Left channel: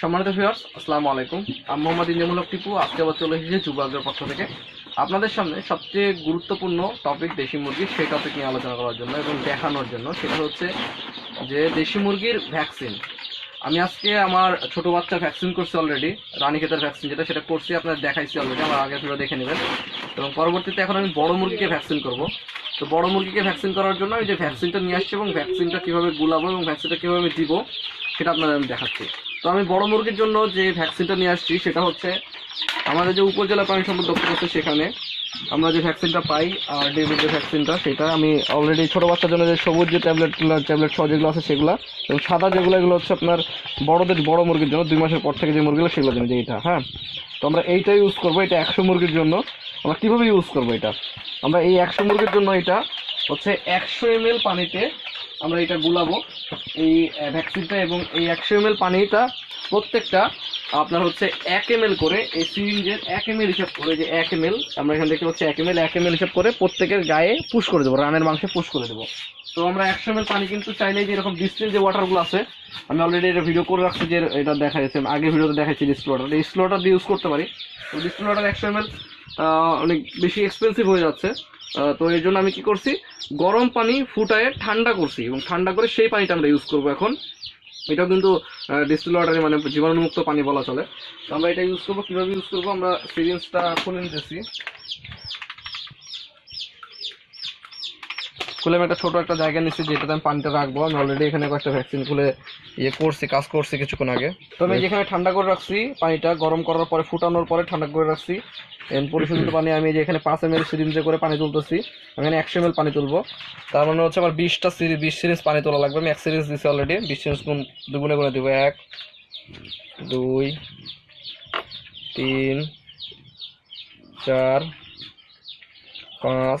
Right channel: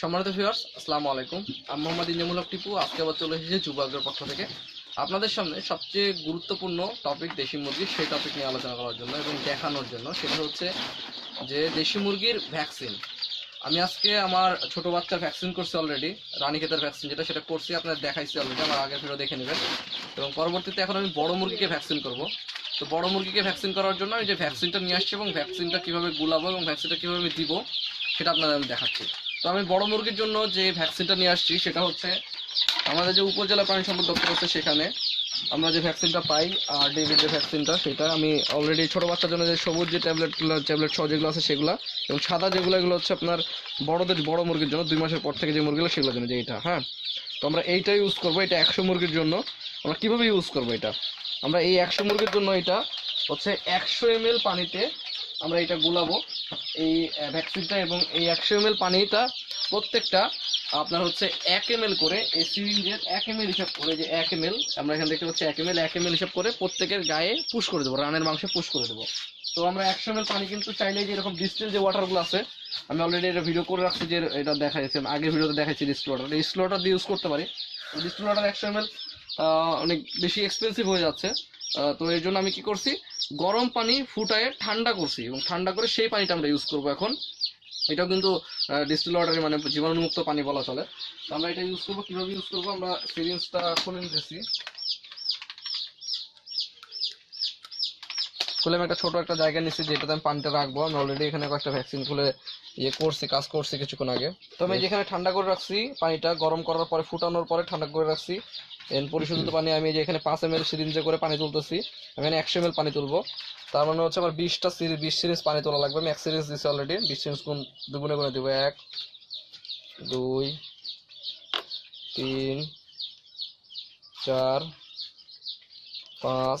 সম্মানিত ভিউয়ার্স আসসালামু আলাইকুম। আমি মোহাম্মদ ইঞ্জামুল টিপু, আজকে আবার চলে এসেছি যুবকদের পক্ষ থেকে। আপনাদের সামনে সবচেয়ে গুরুত্বপূর্ণ টপিক দেশি মুরগি সেই টপিক নিয়ে আলোচনা করার জন্য এবং দেখানোর জন্য, সেটা হচ্ছে যে দেশি মুরগির ভ্যাকসিন আমি আজকে আমার ছোটো বাচ্চা ভ্যাকসিন করছি অলরেডি রানীক্ষেতের ভ্যাকসিন যেটা, সেটা করছি আপনার দেখাইছি অলরেডি আমার আগে ভিডিও দেখে নেবেন। এবং পরবর্তীতে এখন আমি বড় মুরগিকে ভ্যাকসিন করব। তো বড় মুরগিকে ভ্যাকসিন করার জন্য আমি যে ভ্যাকসিনটা নিয়ে আসছি এবং ভ্যাকসিনটা কীভাবে গুলাবো এবং ভ্যাকসিনটা কীভাবে দিব, সেটা আপনাদের আমি দেখাচ্ছি। তো আমি বড় মুরগির জন্য যে ভ্যাকসিনটা নিয়ে আসছি, সেটা হচ্ছে আমাদের যে উপজেলা প্রাণী সম্পদ দপ্তর আছে সেখানে আমরা যে ভ্যাকসিনটা পাই, আর ডেভিড যে ভ্যাকসিনটা সেটা আমি অলরেডি ছোটো বাচ্চার জন্য যে সবুজ যে ট্যাবলেটগুলো ট্যাবলেট সহ যেগুলো আছে সেগুলো, এবং সাদা যেগুলো, এগুলো হচ্ছে আপনার বড়দের বড় মুরগির জন্য, দুই মাসের পর থেকে যে মুরগিগুলো, সেগুলোর জন্য যে এটা হ্যাঁ? তো আমরা এইটা ইউজ করব, এটা একশো মুরগির জন্য। আমরা কীভাবে ইউজ করব এটা? আমরা এই একশো মুরগির জন্য এটা হচ্ছে একশো এম পানিতে আমরা এটা গুলাবো। এই ভ্যাকসিনটা এবং এই একশো এম পানিটা প্রত্যেকটা আপনার হচ্ছে এক এম করে এই সিরিঞ্জের এক এম হিসাব করে যে এক এম আমরা এখান থেকে হচ্ছে এক এম এক এম হিসাব করে প্রত্যেকের গায়ে পুশ করে দেবো, রানের মাংসে পুশ করে দেবো। তো আমরা একশো এম পানি কিন্তু চাইলে যে এরকম ডিস্টিল যে ওয়াটারগুলো আছে, আমি অলরেডি এটা ভিডিও করে রাখছি যে এটা দেখা যাচ্ছে আগের ভিডিওতে দেখাচ্ছি ডিস্টিল ওয়াটার এই ওয়াটার দিয়ে ইউজ করতে পারি। তো ডিস্টিল ওয়াটার একশো এম অনেক বেশি এক্সপেন্সিভ হয়ে যাচ্ছে। তো এই জন্য আমি কি করছি? গরম পানি ফুটায় ঠান্ডা করছি এবং ঠান্ডা করে সেই পানিটা আমরা ইউজ করব এখন। এটাও কিন্তু ডিস্টিল ওয়াটারে মানে জীবাণুমুক্ত পানি বলা চলে। তো আমরা এটা ইউজ করব। কীভাবে ইউজ করব? আমরা সিরিঞ্জটা খুলে নিতেছি। খুলে আমি একটা ছোটো একটা জায়গা নিচ্ছি যেটাতে আমি পানিটা রাখব। আমি অলরেডি এখানে কয়েকটা ভ্যাকসিন খুলে ইয়ে করছি কাজ করছি কিছুক্ষণ আগে। তো আমি যেখানে ঠান্ডা করে রাখছি পানিটা গরম করার পরে ফুটানোর পরে ঠান্ডা করে রাখছি। পরিশোধিত পানি আমি যে এখানে পাঁচ এম এল সিরিঞ্জে করে পানি তুলতেছি। আমি এখানে একশো এম এল পানি তুলবো। তার মানে হচ্ছে আমার বিশটা সিরিজ বিশ সিরিজ পানি তোলা লাগবে। আমি এক সিরিজ দিচ্ছি অলরেডি বিশ সিরিজ গুণ দুগুণে গুণে দিব এক দুই তিন চার পাঁচ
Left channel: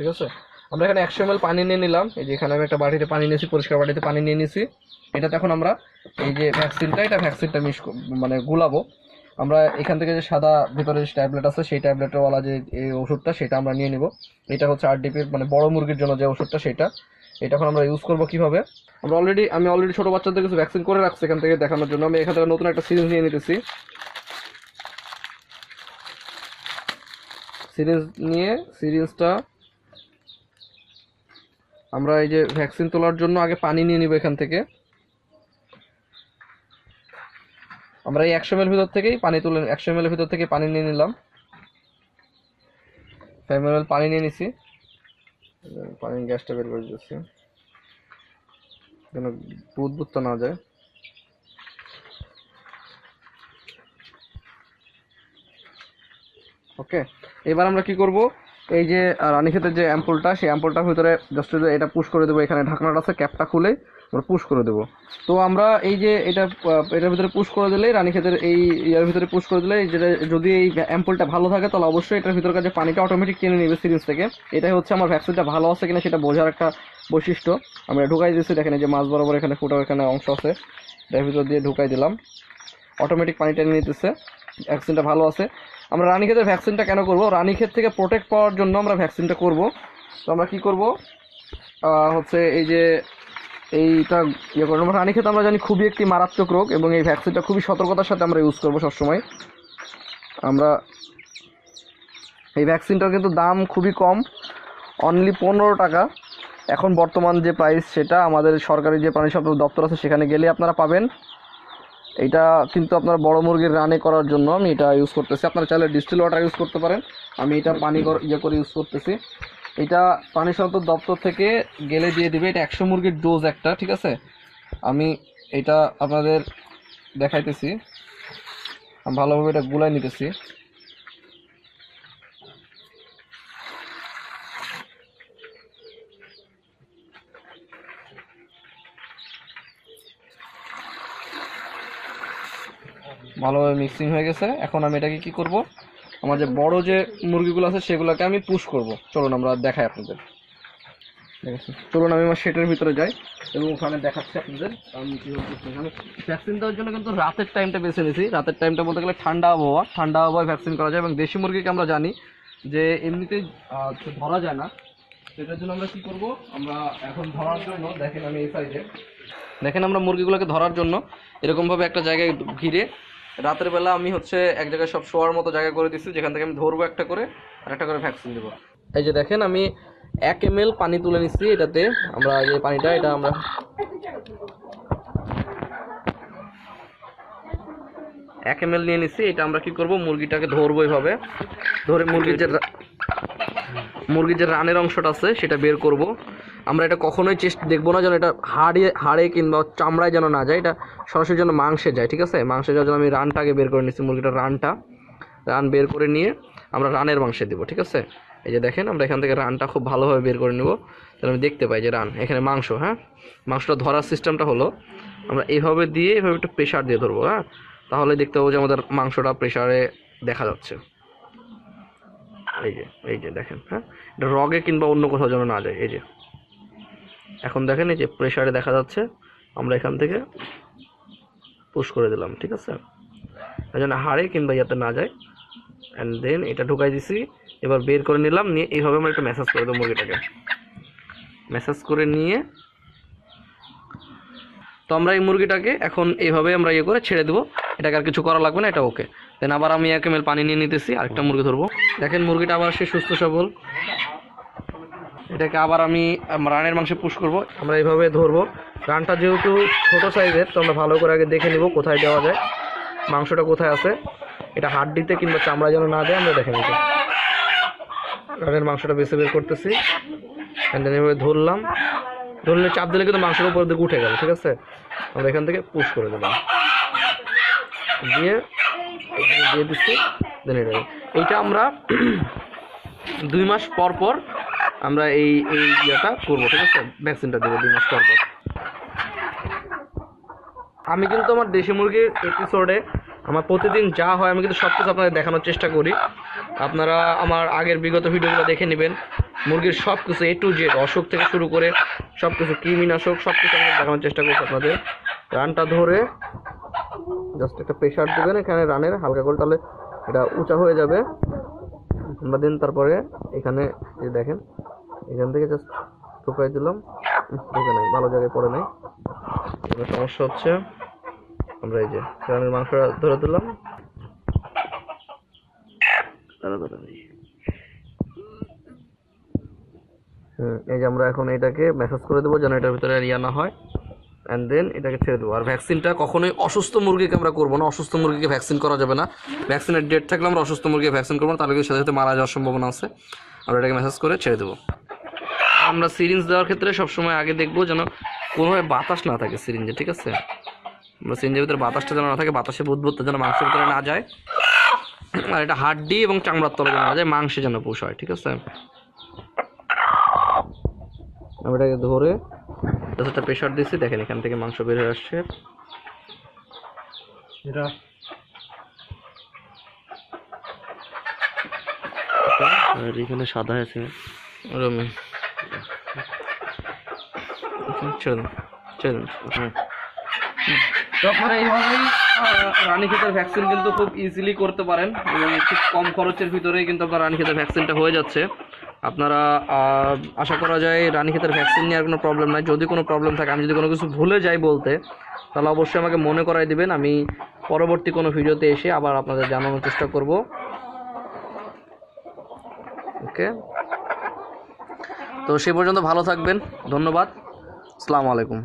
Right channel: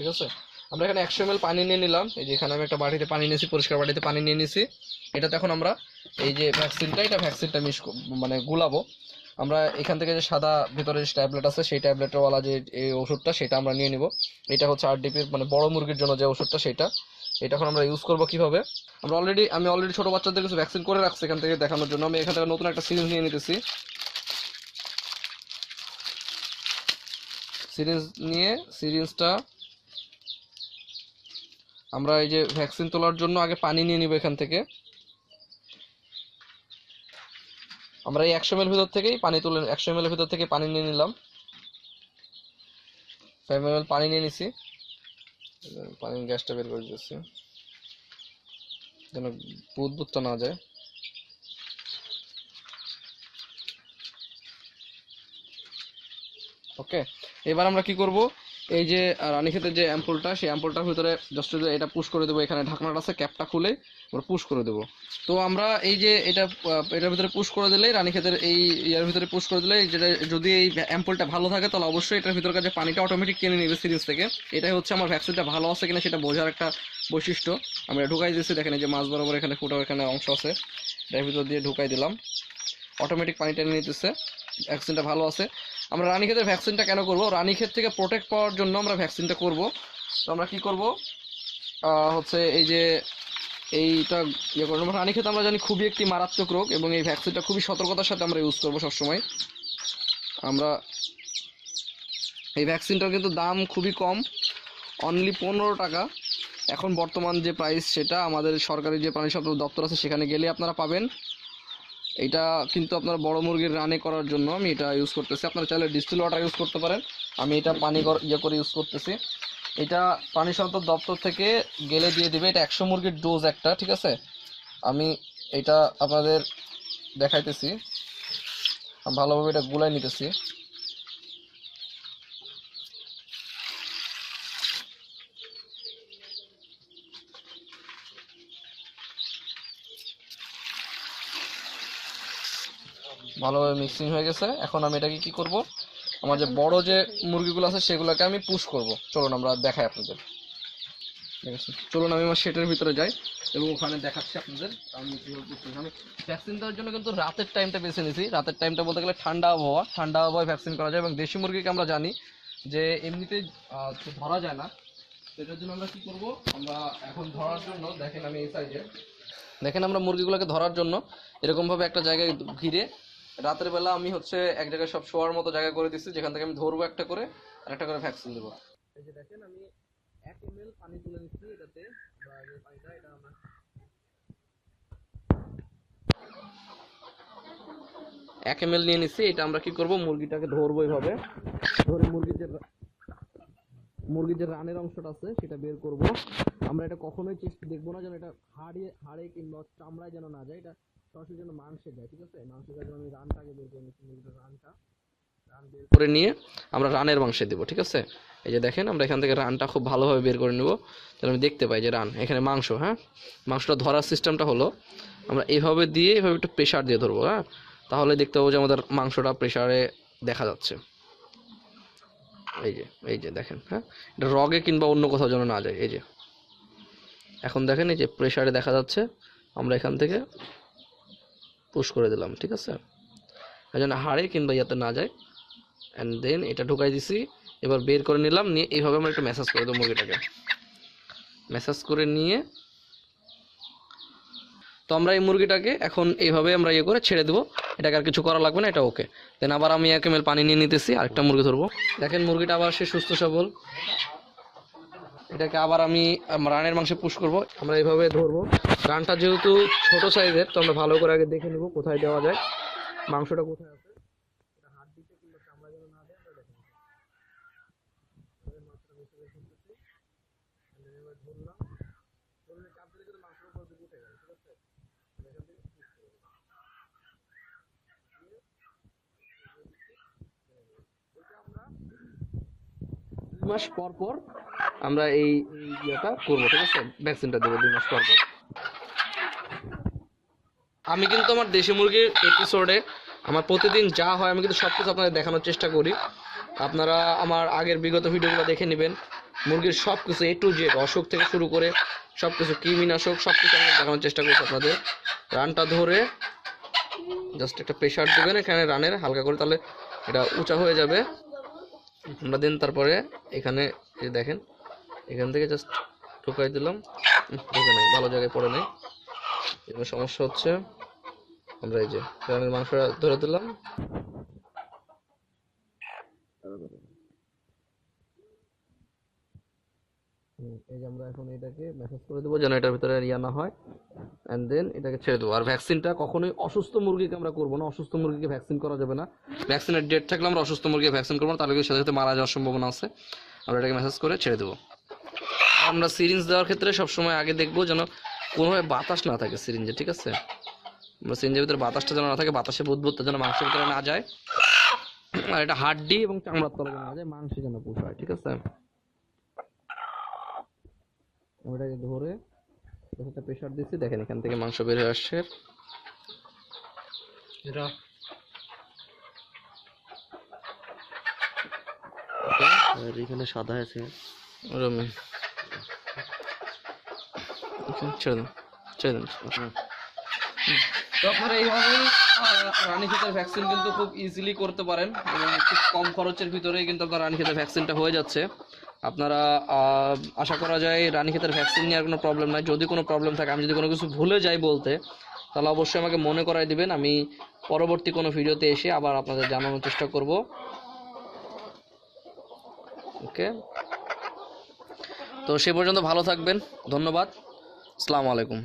ঠিক আছে? আমরা এখানে একশো এম পানি নিয়ে নিলাম। এই যে এখানে আমি একটা বাটিতে পানি নিয়েছি, পরিষ্কার বাটিতে পানি নিয়ে নিয়েছি। এটাতে এখন আমরা এই যে ভ্যাকসিনটা এটা ভ্যাকসিনটা মিশ মানে গুলাবো। আমরা এখান থেকে যে সাদা ভিতরে যে ট্যাবলেট আছে, সেই ট্যাবলেটওয়ালা যে, এই ওষুধটা, সেটা আমরা নিয়ে নিব। এটা হচ্ছে আরডিপির মানে বড় মুরগির জন্য যে ওষুধটা, সেটা। এটা এখন আমরা ইউজ করব কীভাবে? আমরা অলরেডি আমি অলরেডি ছোটো বাচ্চাদের কিছু ভ্যাকসিন করে রাখছি এখান থেকে দেখানোর জন্য। আমি এখান থেকে নতুন একটা সিরিজ নিয়ে নিতেছি। সিরিজ নিয়ে সিরিঞ্জটা আমরা এই যে ভ্যাকসিন তোলার জন্য আগে পানি নিয়ে নিব এখান থেকে। আমরা এই একশো এর ভিতর থেকেই পানি তুলে একশো এর ভিতর থেকে পানি নিয়ে নিলাম। ফাইভ এম পানি নিয়ে নিছি। পানি গ্যাসটা বের করে দিচ্ছি যেন বুদবুদটা না যায়। ওকে এবার আমরা কি করব? এই যে রানীক্ষেতের যে অ্যাম্পলটা সেই অ্যাম্পলটার ভিতরে জাস্ট এটা পুশ করে দেবো। এখানে ঢাকনাটা আছে, ক্যাপটা খুলে আমরা পুশ করে দেবো। তো আমরা এই যে এটা এটার ভিতরে পুশ করে দিলেই রানীক্ষেতের এই ইয়ার ভিতরে পুশ করে দিলে যেটা, যদি এই অ্যাম্পলটা ভালো থাকে তাহলে অবশ্যই এটার ভিতরকার যে পানিটা অটোমেটিক টেনে নেবে সিরিজ থেকে। এটাই হচ্ছে আমার ভ্যাকসিনটা ভালো আছে কিনা সেটা বোঝার একটা বৈশিষ্ট্য। আমরা ঢুকাই দিয়েছি, দেখেন যে মাছ বরাবর এখানে ফুটার এখানে অংশ আছে। এটার ভিতর দিয়ে ঢুকাই দিলাম। অটোমেটিক পানি টেনে নিতেছে। ভ্যাকসিনটা ভালো আছে। আমরা রানীক্ষেতের ভ্যাকসিনটা কেন করব? রানীক্ষেত থেকে প্রোটেক্ট পাওয়ার জন্য আমরা ভ্যাকসিনটা করব। তো আমরা কি করব? হচ্ছে এই যে এইটা ইয়ে করব। রানীক্ষেত আমরা জানি খুবই একটি মারাত্মক রোগ এবং এই ভ্যাকসিনটা খুবই সতর্কতার সাথে আমরা ইউজ করব সবসময়। আমরা এই ভ্যাকসিনটার কিন্তু দাম খুবই কম অনলি পনেরো টাকা। এখন বর্তমান যে প্রাইস সেটা আমাদের সরকারি যে প্রাণী সম্পদ দপ্তর আছে সেখানে গেলে আপনারা পাবেন। এটা কিন্তু আপনার বড় মুরগির রানে করার জন্য আমি এটা ইউজ করতেছি। আপনার চাইলে ডিস্টিল ওয়াটার ইউজ করতে পারেন। আমি এটা পানি ইয়ে করে ইউজ করতেছি। এটা পানি সাধারণত দপ্তর থেকে গেলে দিয়ে দেবে। এটা একশো মুরগির ডোজ একটা, ঠিক আছে? আমি এটা আপনাদের দেখাইতেছি। ভালোভাবে এটা গুলাই নিতেছি। ভালোভাবে মিক্সিং হয়ে গেছে। এখন আমি এটাকে কি করব? আমার যে বড় যে মুরগিগুলো আছে, সেগুলোকে আমি পুশ করব। চলুন আমরা দেখাই আপনাদের। ঠিক আছে? চলুন আমি আমার সেটের ভিতরে যাই এবং ওখানে দেখাচ্ছি আপনাদের আমি। আমি ভ্যাকসিন দেওয়ার জন্য কিন্তু রাতের টাইমটা বেছে নিয়েছি। রাতের টাইমটা বলতে গেলে ঠান্ডা আবহাওয়া। ঠান্ডা আবহাওয়ায় ভ্যাকসিন করা যায় এবং দেশি মুরগিকে আমরা জানি যে এমনিতে ধরা যায় না। সেটার জন্য আমরা কি করব? আমরা এখন ধরার জন্য, দেখেন আমি এই সাইডে দেখেন আমরা মুরগিগুলোকে ধরার জন্য এরকমভাবে একটা জায়গায় ঘিরে রাতের বেলা আমি হচ্ছে এক জায়গায় সব শোয়ার মতো জায়গা করে দিচ্ছি যেখান থেকে আমি ধরবো একটা করে আর একটা করে ভ্যাকসিন দেবো। এই যে দেখেন, আমি এক এম পানি তুলে নিচ্ছি এটাতে। আমরা যে পানিটা, এটা আমরা এক এম নিয়ে নিচ্ছি এটা আমরা কি করব? মুরগিটাকে ধরবো এইভাবে। ধরে মুরগির যে মুরগির যে রানের অংশটা আছে, সেটা বের করব। আমরা এটা কখনোই চেষ্টা দেখব না যেন এটা হাড়ে হাড়ে কিংবা চামড়ায় যেন না যায়, এটা সরাসরি যেন মাংসে যায়, ঠিক আছে? মাংসে যাওয়ার জন্য আমি রানটাকে বের করে নিচ্ছি মুরগিটার রানটা। রান বের করে নিয়ে আমরা রানের মাংসে দেবো, ঠিক আছে? এই যে দেখেন, আমরা এখান থেকে রানটা খুব ভালোভাবে বের করে নেব। তাহলে আমি দেখতে পাই যে রান, এখানে মাংস হ্যাঁ? মাংসটা ধরার সিস্টেমটা হলো, আমরা এইভাবে দিয়ে এভাবে একটু প্রেশার দিয়ে ধরবো হ্যাঁ? তাহলে দেখতে পাবো যে আমাদের মাংসটা প্রেশারে দেখা যাচ্ছে। এই যে এই যে দেখেন হ্যাঁ? এটা রগে কিংবা অন্য কোথাও যেন না যায়, এই যে। এখন দেখেন এই যে প্রেশারে দেখা যাচ্ছে, আমরা এখান থেকে পুশ করে দিলাম, ঠিক আছে? এই জন্য হাড়ে কিংবা ইয়াতে না যায়। অ্যান্ড দেন এটা ঢুকাই দিছি, এবার বের করে নিলাম, নিয়ে এইভাবে আমরা একটা ম্যাসাজ করে দেবো মুরগিটাকে। ম্যাসাজ করে নিয়ে তো আমরা এই মুরগিটাকে এখন এইভাবে আমরা ইয়ে করে ছেড়ে দেবো। এটাকে আর কিছু করা লাগবে না, এটা ওকে। দেন আবার আমি এক এম পানি নিয়ে নিতেছি, আরেকটা মুরগি ধরবো। দেখেন মুরগিটা আবার সে সুস্থ সবল। এটাকে আবার আমি রানের মাংসে পুশ করব। আমরা এইভাবে ধরবো। রানটা যেহেতু ছোট সাইজের তো আমরা ভালো করে আগে দেখে নিব কোথায় দেওয়া যায়। মাংসটা কোথায় আছে? এটা হাড্ডিতে কিংবা চামড়া যেন না দেয়, আমরা দেখে নিব। রানের মাংসটা বেছে বের করতেছি। অ্যান্ড এভাবে ধরলাম। ধরলে চাপ দিলে কিন্তু মাংসের উপর দিকে উঠে গেল, ঠিক আছে? আমরা এখান থেকে পুশ করে দিলাম। দিয়ে দিয়ে দিচ্ছি এটা। এইটা আমরা দুই মাস পর পর আমরা এই এই ইয়েটা করব, ঠিক আছে? ভ্যাকসিনটা দেবো দুই মাস পর পর। আমি কিন্তু আমার দেশি মুরগির এপিসোডে আমার প্রতিদিন যা হয়, আমি কিন্তু সব কিছু আপনাদের দেখানোর চেষ্টা করি। আপনারা আমার আগের বিগত ভিডিওগুলো দেখে নেবেন। মুরগির সব কিছু এ টু জেড অসুখ থেকে শুরু করে সব কিছু কৃমিনাশক, সব কিছু আমি দেখানোর চেষ্টা করছি আপনাদের। রানটা ধরে জাস্ট একটা প্রেশার দেবেন এখানে রানের, হালকা করে তাহলে এটা উঁচা হয়ে যাবে। আমরা দিন তারপরে এখানে দেখেন এখান থেকে জাস্ট ঢুকাই দিলাম। ঢুকে নাই ভালো জায়গায় পড়ে নাই। এবার সমস্যা হচ্ছে আমরা এই যে গ্রামের মাংসটা ধরে দিলাম। এই। যে আমরা এখন এটাকে মেসেজ করে দেবো যেন এটার ভিতরে ইয়া না হয়। অ্যান্ড দেন এটাকে ছেড়ে দেবো। আর ভ্যাকসিনটা কখনোই অসুস্থ মুরগিকে আমরা করব না। অসুস্থ মুরগিকে ভ্যাকসিন করা যাবে না। ভ্যাকসিনের ডেট থাকলে আমরা অসুস্থ মুরগিকে ভ্যাকসিন করব না তাহলে কিন্তু সাথে সাথে মারা যাওয়ার সম্ভাবনা আছে। আমরা এটাকে মেসেজ করে ছেড়ে দেবো। আমরা সিরিঞ্জ দেওয়ার ক্ষেত্রে সবসময় আগে দেখব যেন কোনোভাবে বাতাস না থাকে সিরিঞ্জে ঠিক আছে? আমরা সিরিঞ্জের ভিতরে বাতাসটা যেন না থাকে বাতাসে বুদবুদটা যেন মাংসের ভিতরে না যায়। আর এটা হাড্ডি এবং চামড়ার তলে যেন না যায় মাংসে যেন পুষ হয় ঠিক আছে? আমি এটাকে ধরে একটা প্রেশার দিচ্ছি দেখেন এখান থেকে মাংস বের হয়ে আসছে। এটা আর এখানে সাদা আছে। রমি ছেড়ে দিন ছেড়ে দিন হ্যাঁ তো এইভাবেই রানীক্ষেতের ভ্যাকসিন কিন্তু খুব ইজিলি করতে পারেন এবং খুব কম খরচের ভিতরেই কিন্তু আপনার রানীক্ষেতের ভ্যাকসিনটা হয়ে যাচ্ছে। আপনারা আশা করা যায় রানীক্ষেতের ভ্যাকসিন নিয়ে আর কোনো প্রবলেম নাই। যদি কোনো প্রবলেম থাকে, আমি যদি কোনো কিছু ভুলে যাই বলতে, তাহলে অবশ্যই আমাকে মনে করাই দিবেন। আমি পরবর্তী কোনো ভিডিওতে এসে আবার আপনাদের জানানোর চেষ্টা করব। ওকে? তো সে পর্যন্ত ভালো থাকবেন। ধন্যবাদ। আসসালামু আলাইকুম।